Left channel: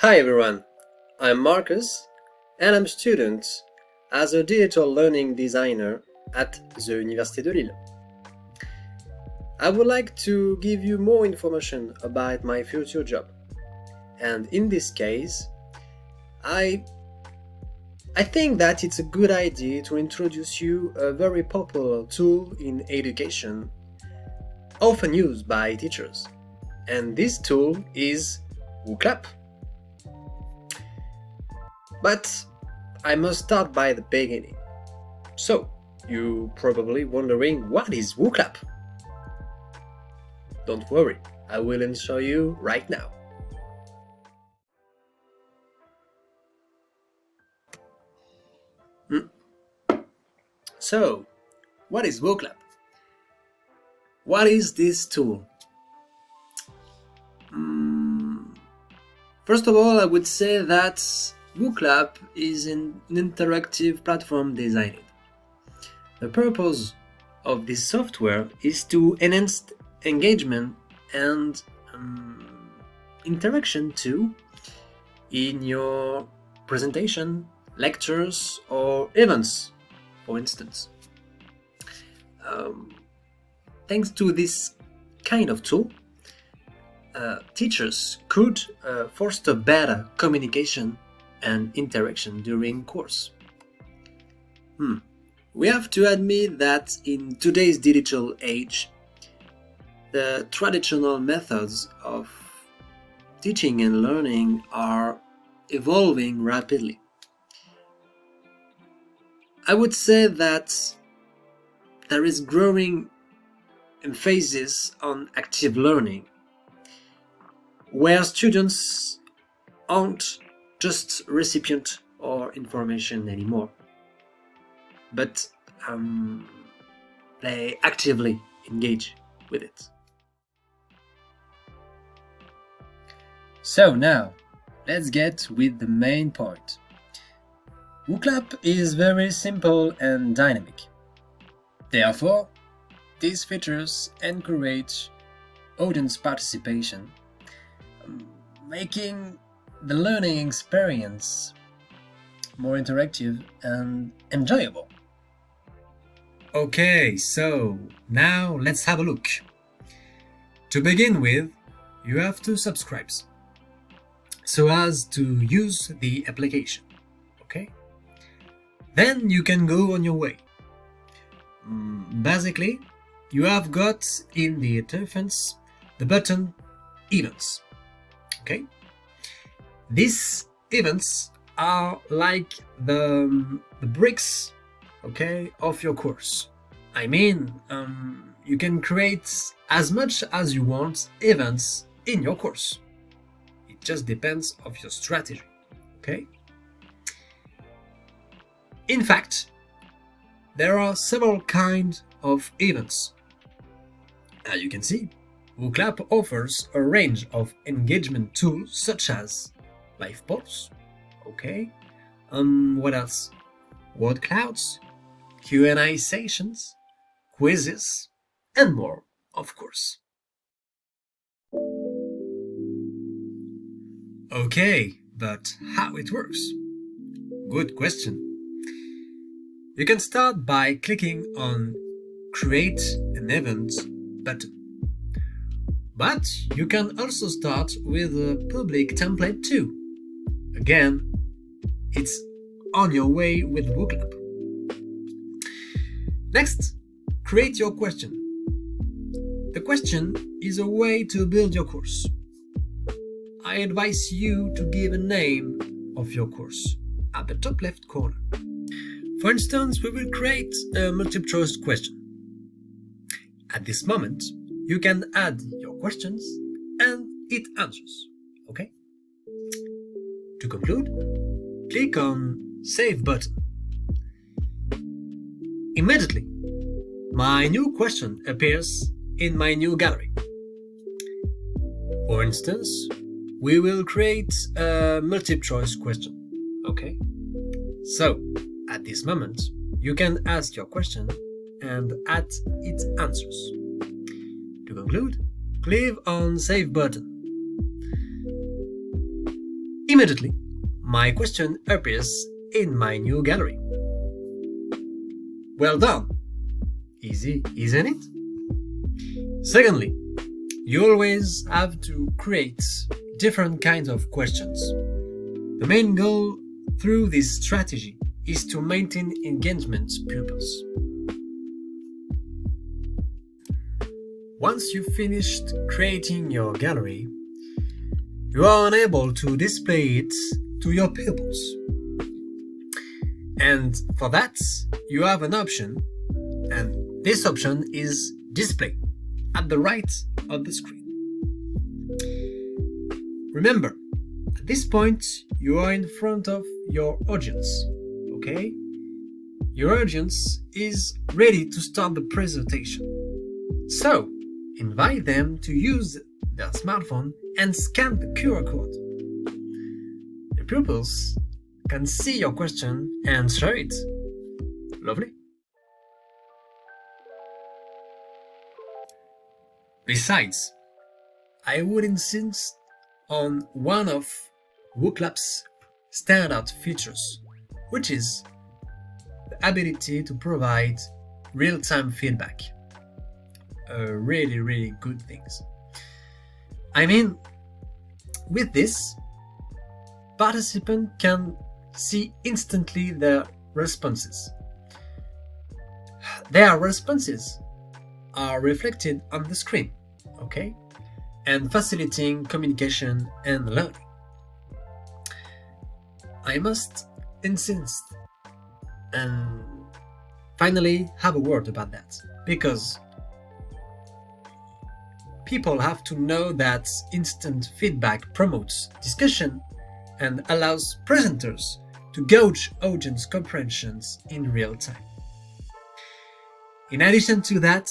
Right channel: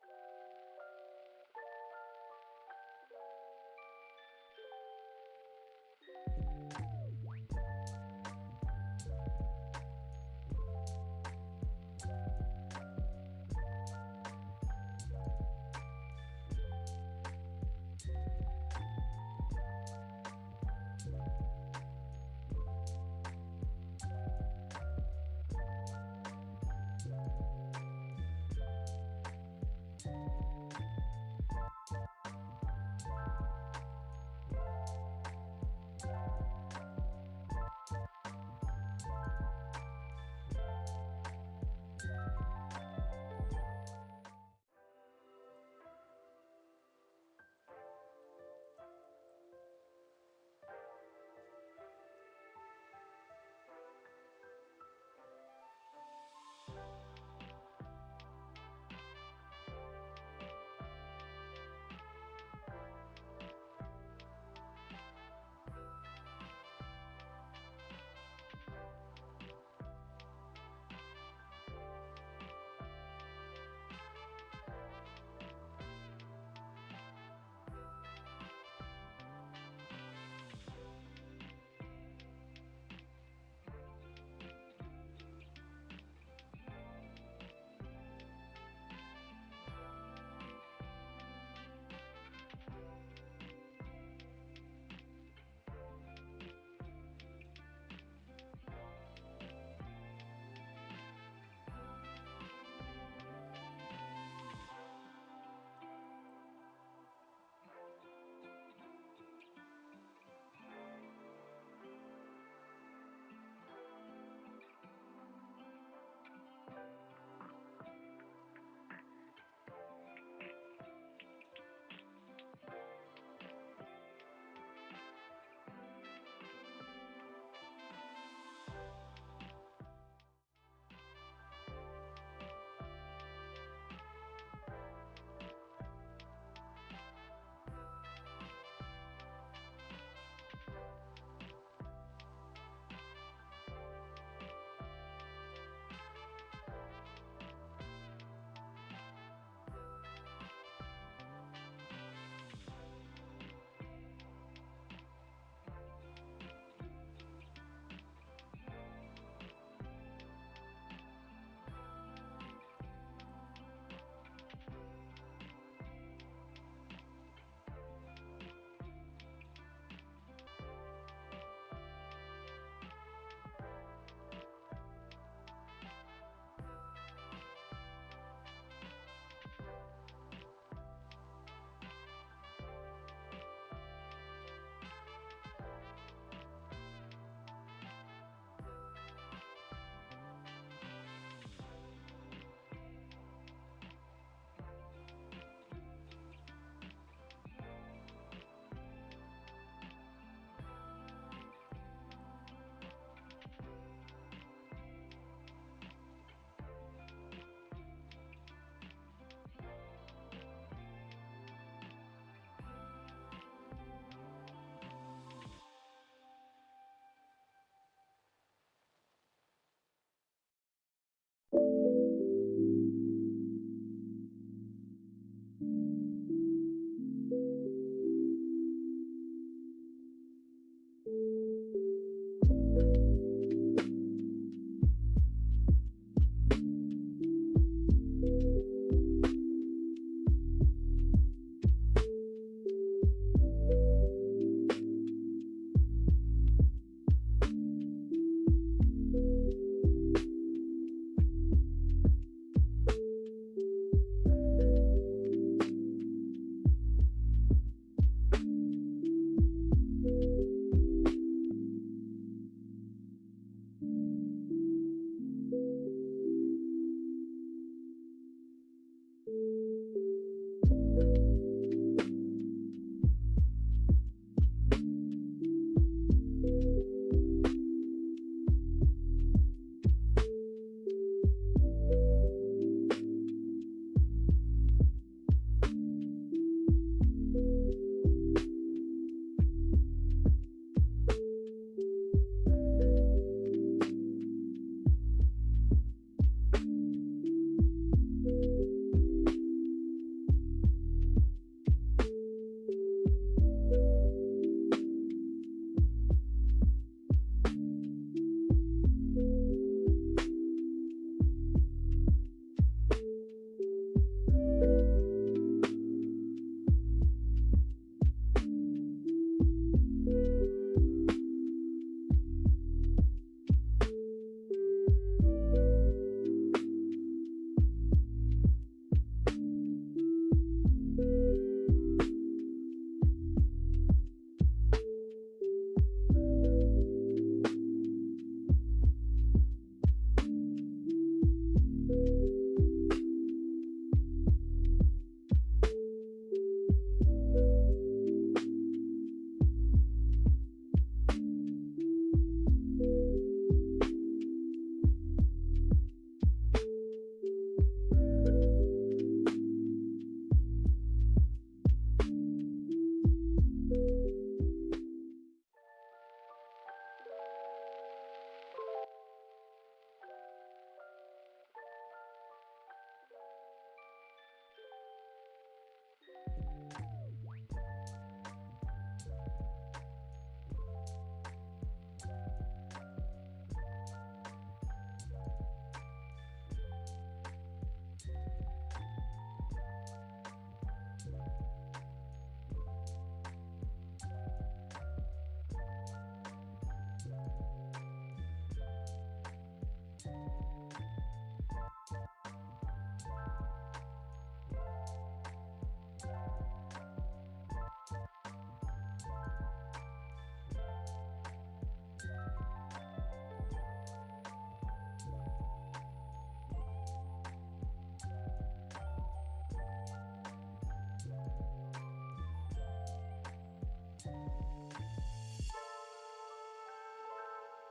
Hi everyone, I'm Marcus and I'm a student as a digital learning designer at the Université de Lille. I would like to give you more information about my future job, and in this case, I think that it's a good idea to introduce you a very popular tool in education, often used by teachers, and this tool is Wooclap. But I must start by the beginning. So, you're probably wondering, what is Wooclap? Don't worry, I will show you right now. So, what is Wooclap? What is this tool? First of all, I would say that Wooclap is an interactive platform designed. The purpose of this software is to enhance engagement and interaction too in your presentation, lectures, or events, for instance. Thanks to this kind of tool, teachers could foster better communication and interaction during course. We have to admit that in today's digital age, the traditional methods of teaching and learning are evolving rapidly. I would say that there is growing emphasis on active learning, where students aren't just recipient or information anymore, but they actively engage with it. So now, let's get with the main point. Wooclap is very simple and dynamic. Therefore, these features encourage audience participation, making the learning experience more interactive and enjoyable. Okay, so now let's have a look. To begin with, you have to subscribe so as to use the application. Okay? Then you can go on your way. Basically, you have got in the interface the button Events. Okay? These events are like the bricks, okay, of your course. I mean, you can create as much as you want events in your course. It just depends of your strategy, okay? In fact, there are several kinds of events. As you can see, Wooclap offers a range of engagement tools such as live polls, okay? What else? Word clouds, Q&A sessions, quizzes, and more, of course. Okay, but how it works? Good question. You can start by clicking on Create an Event button. But you can also start with a public template too. Again, it's on your way with Wooclap. Next, create your question. The question is a way to build your course. I advise you to give a name of your course at the top left corner. For instance, we will create a multiple choice question. At this moment, you can add your questions and it answers, okay? To conclude, click on Save button. Immediately, my new question appears in my new gallery. For instance, we will create a multiple choice question, okay? So, at this moment, you can ask your question and add its answers. To conclude, click on Save button. immediately my question appears in my new gallery. Well done! Easy, isn't it? Secondly, you always have to create different kinds of questions. The main goal through this strategy is to maintain engagement pupils. Once you've finished creating your gallery, you are unable to display it to your pupils. And for that, you have an option, and this option is display at the right of the screen. Remember, at this point, you are in front of your audience, okay? Your audience is ready to start the presentation. So, invite them to use their smartphone and scan the QR code. The pupils can see your question and answer it. Lovely. Besides, I would insist on one of Wooclap's standout features, which is the ability to provide real-time feedback. Really good things. I mean, with this, participants can see instantly their responses. Their responses are reflected on the screen, okay? And facilitating communication and learning. I must insist and finally have a word about that, because people have to know that instant feedback promotes discussion and allows presenters to gauge audience comprehensions in real time. In addition to that,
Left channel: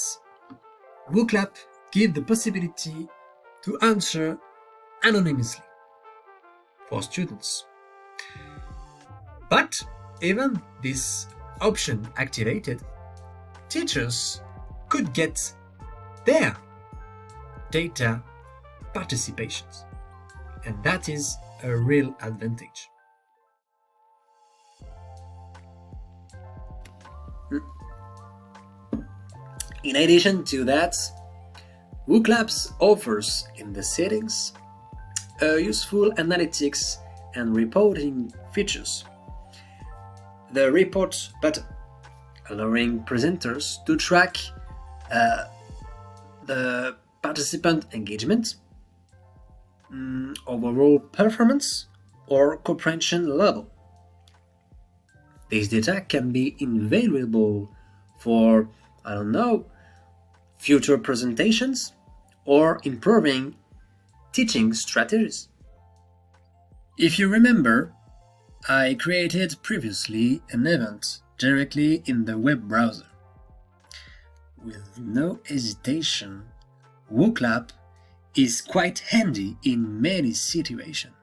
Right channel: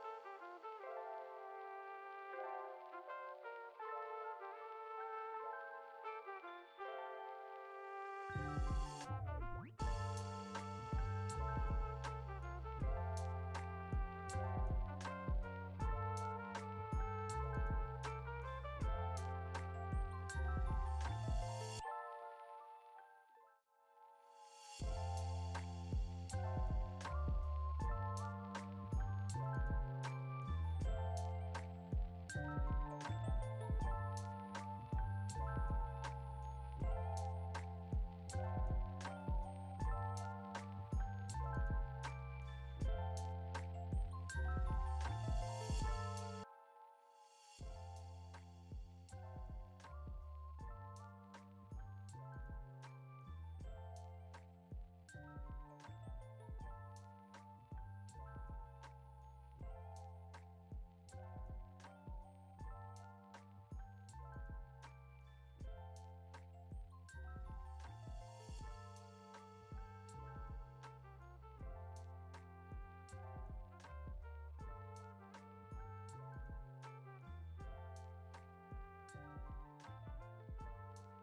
Wooclap gives the possibility to answer anonymously for students. But even this option activated, teachers could get their data participations, and that is a real advantage. In addition to that, Wooclap offers in the settings useful analytics and reporting features. The report button, allowing presenters to track the participant engagement, overall performance, or comprehension level. This data can be invaluable for, future presentations or improving teaching strategies. If you remember, I created previously an event directly in the web browser. With no hesitation, Wooclap is quite handy in many situations.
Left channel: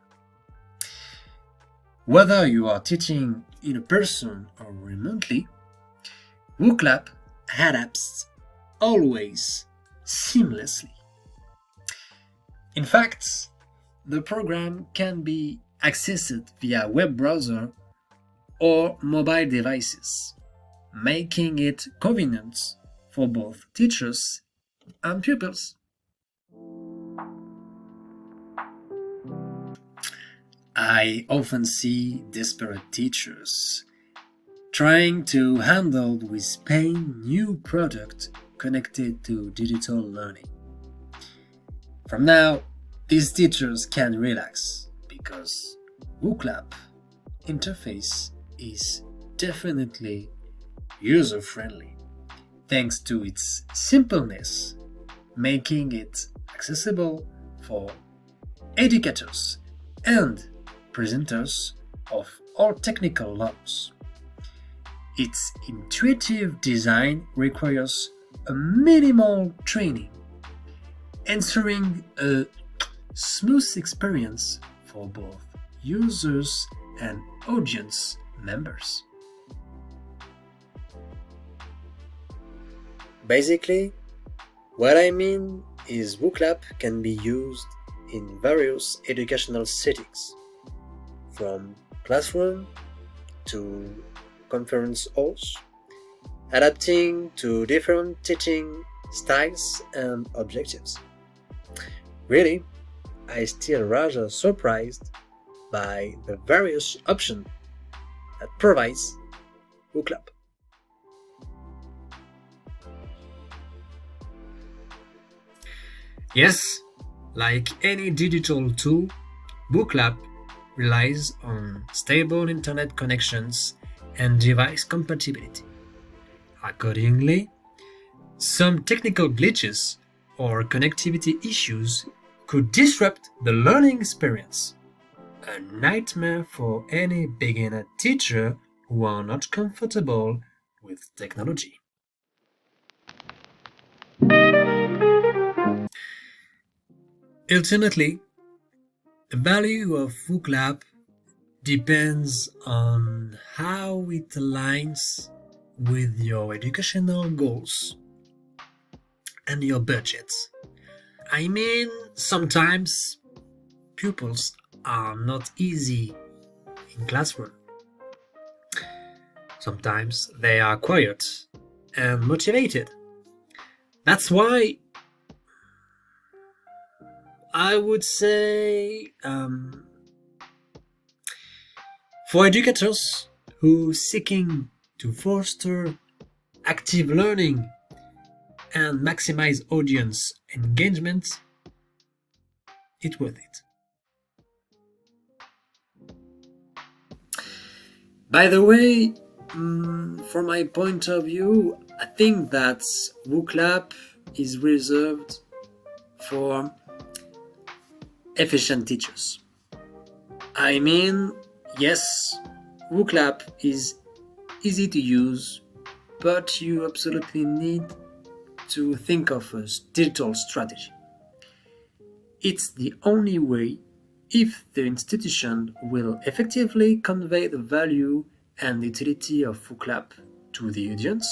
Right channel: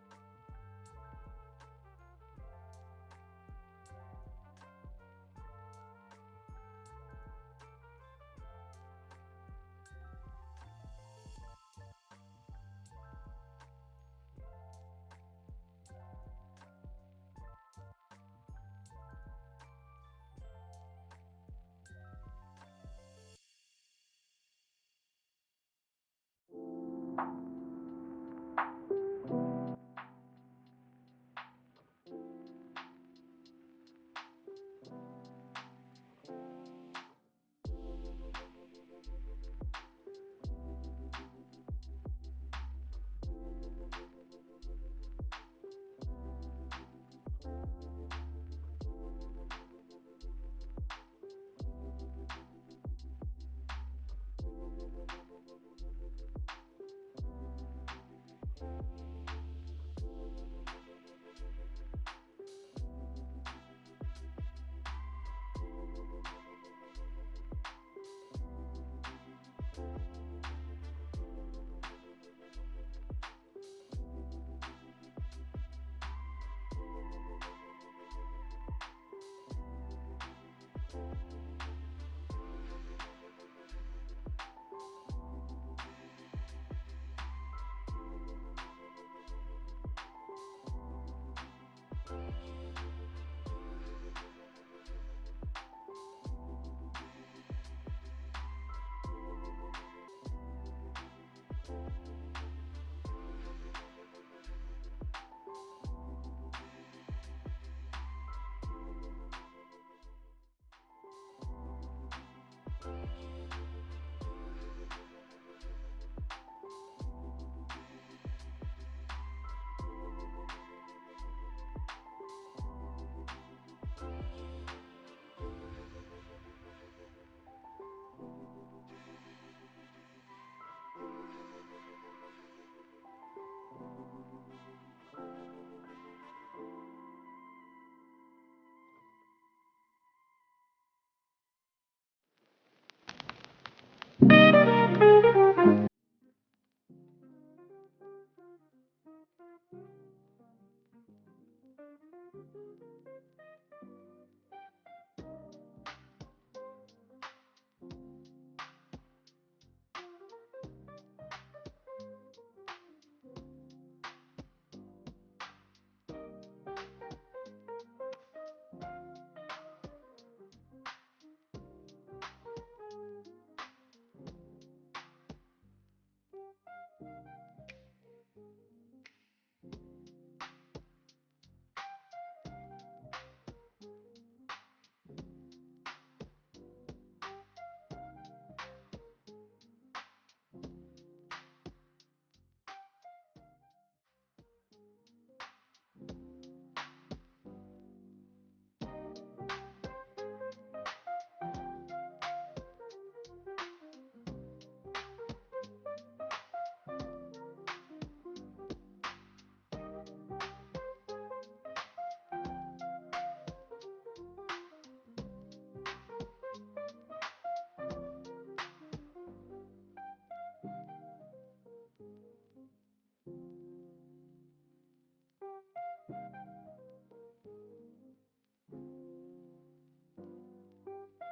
Whether you are teaching in person or remotely, Wooclap adapts always seamlessly. In fact, the program can be accessed via web browser or mobile devices, making it convenient for both teachers and pupils. I often see desperate teachers trying to handle with pain new product connected to digital learning. From now, these teachers can relax because Wooclap interface is definitely user-friendly thanks to its simpleness, making it accessible for educators and presenters of all technical levels. Its intuitive design requires a minimal training, ensuring a smooth experience for both users and audience members. Basically, what I mean is Wooclap can be used in various educational settings. from classroom to conference halls, adapting to different teaching styles and objectives. Really, I still rather surprised by the various options that provides Wooclap. Yes, like any digital tool, Wooclap relies on stable internet connections and device compatibility. Accordingly, some technical glitches or connectivity issues could disrupt the learning experience. A nightmare for any beginner teacher who are not comfortable with technology. Ultimately, the value of Wooclap depends on how it aligns with your educational goals and your budget. I mean, sometimes pupils are not easy in classroom. Sometimes they are quiet and motivated. That's why I would say for educators who seeking to foster active learning and maximize audience engagement, it's worth it. By the way, from my point of view, I think that Wooclap is reserved for efficient teachers. I mean, yes, Wooclap is easy to use, but you absolutely need to think of a digital strategy. It's the only way if the institution will effectively convey the value and utility of Wooclap to the audience,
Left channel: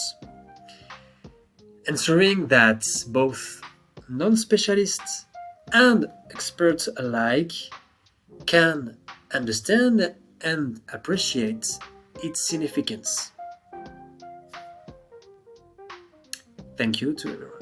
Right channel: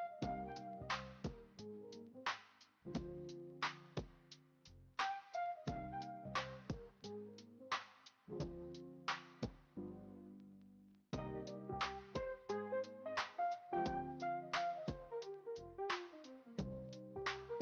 ensuring that both non-specialists and experts alike can understand and appreciate its significance. Thank you to everyone.